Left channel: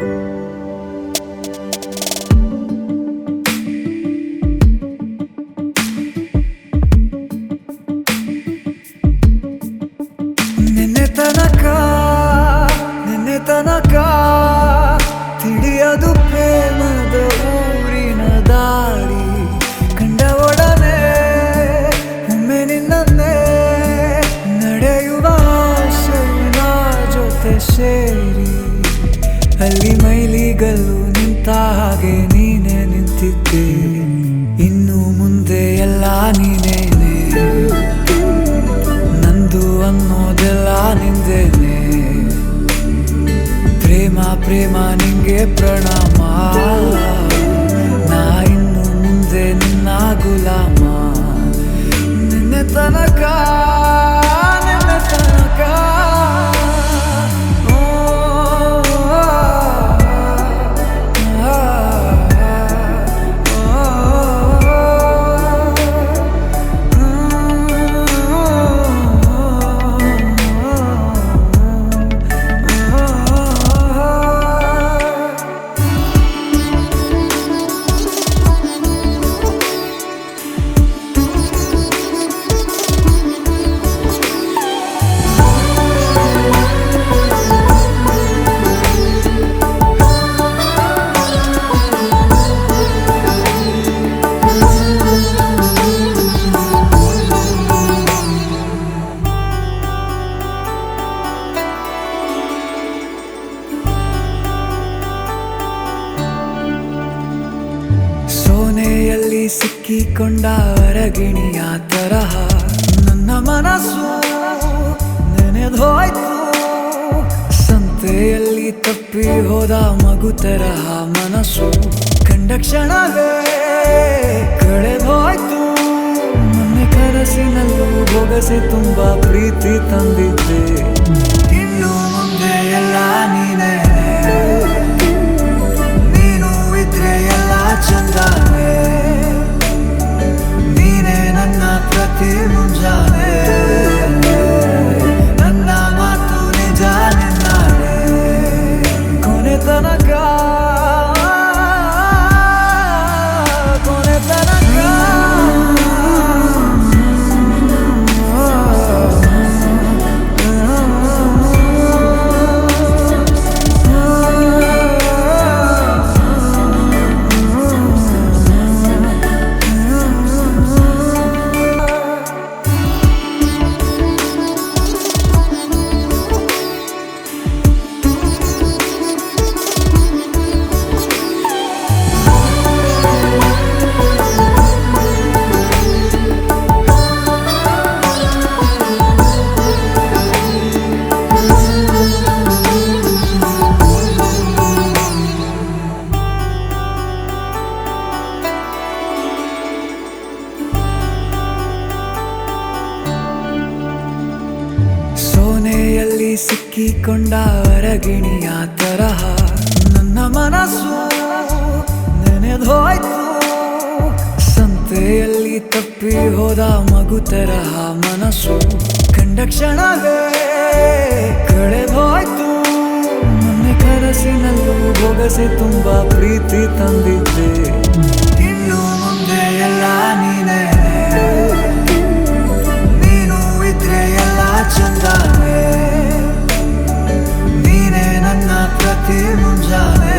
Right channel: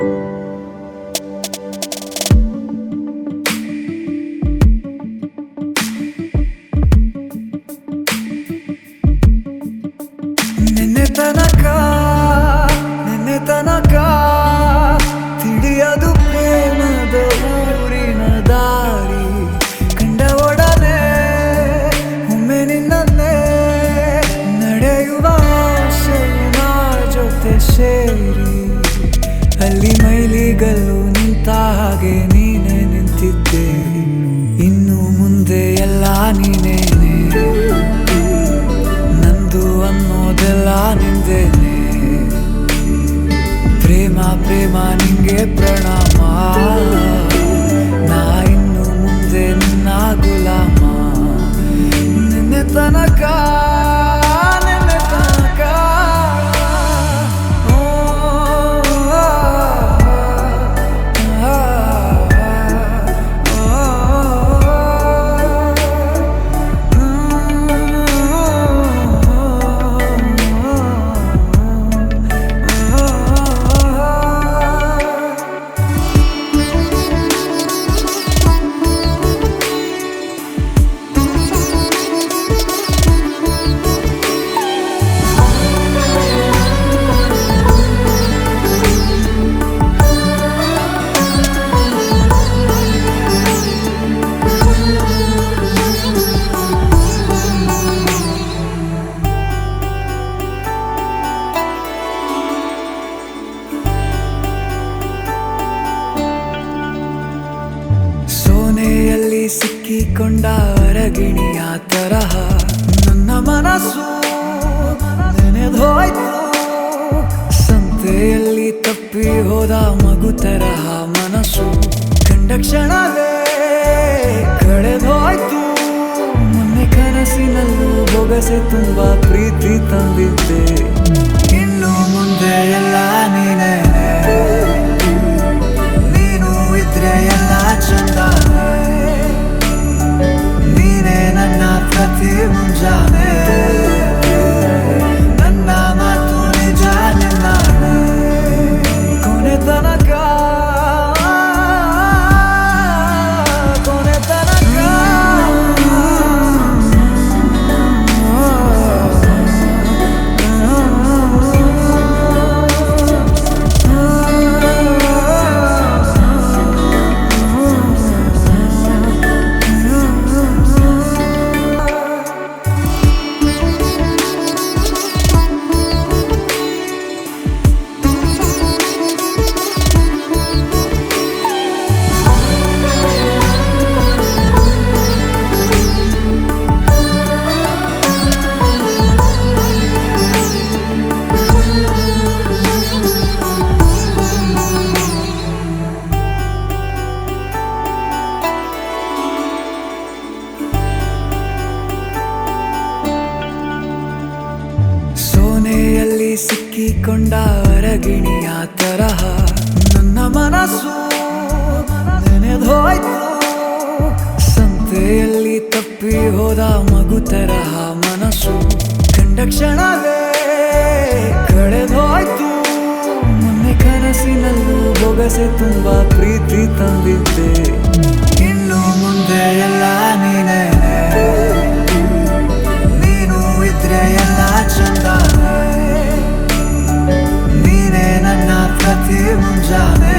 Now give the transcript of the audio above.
ನಿನ್ನೆ ತನಕ ತಿಳಿಯದು ಪ್ರೇಮದ ಊರಿನ ದಾರಿ. ಕಂಡ ಒಡನೆ ಒಮ್ಮೆ ನಿನ್ನೇ ನಡೆಯುವ ಆಸೆಯ ಜೊತೆ ಸೇರಿ, ಅಲ್ಲಿ ಮೈಲಿಗಲ್ಲು ನಿಂತ ಹಾಗೆ ನೀನೆ ನಿಂತಿದ್ದೆ. ಇನ್ನು ಮುಂದೆ ಎಲ್ಲ ನೀನೇನೆ, ನಂದು ಅನ್ನೋದೆಲ್ಲ ನಿಂದೇನೆ. ಪ್ರೇಮ ಪ್ರೇಮ ನಿಂಗೆ ಪ್ರಣಾಮ, ನಾ ಇನ್ನು ಮುಂದೆ ನಿನ್ನ ಗುಲಾಮ. ನಿನ್ನೆ ತನಕ ಸೋನೆಯಲ್ಲಿ ಸಿಕ್ಕಿಕೊಂಡ ಅರಗಿಣಿಯ ತರಹ ನನ್ನ ಮನಸ್ಸು ನೆನೆದೋಯ್ತು. ಸಂತೆಯಲ್ಲಿ ತಪ್ಪಿ ಹೋದ ಮಗು ತರಹ ಮನಸ್ಸು ಕಂಡ ಕ್ಷಣವೇ ಕಳೆದೋಯ್ತು. ಮೊನ್ನೆ ಕನಸಿನಲ್ಲೂ ಬೊಗಸೆ ತುಂಬಾ ಪ್ರೀತಿ ತಂದಿದ್ದೆ. ಇನ್ನು ಮುಂದೆ ಎಲ್ಲ ನೀನೇ, ನೀನು ಇದ್ರೆ ಎಲ್ಲ ಚಂದಾನೆ. ನೀನೇ ನನ್ನ ಪ್ರತಿ ಮುಂಜಾನೆ, ನನ್ನ ಮಾತು ನಿಜ ನಿನ್ನಾನೆ. ಕೊನೆ ತನಕ ಸೋನೆಯಲ್ಲಿ ಸಿಕ್ಕಿಕೊಂಡ ಅರಗಿಣಿಯ ತರಹ ನನ್ನ ಮನಸ್ಸು ನೆನೆದೋಯ್ತು. ಸಂತೆಯಲ್ಲಿ ತಪ್ಪಿ ಹೋದ ಮಗು ತರಹ ಮನಸ್ಸು ಕಂಡ ಕ್ಷಣವೇ ಕಳೆದೋಯ್ತು. ಮೊನ್ನೆ ಕನಸಿನಲ್ಲೂ ಬೊಗಸೆ ತುಂಬಾ ಪ್ರೀತಿ ತಂದಿದ್ದೆ. ಇನ್ನು ಮುಂದೆ ಎಲ್ಲ ನೀನೇ, ನೀನು ಇದ್ರೆ ಎಲ್ಲ ಚಂದಾನೆ. ನೀನೇ ನನ್ನ ಪ್ರತಿ ಮುಂಜಾನೆ,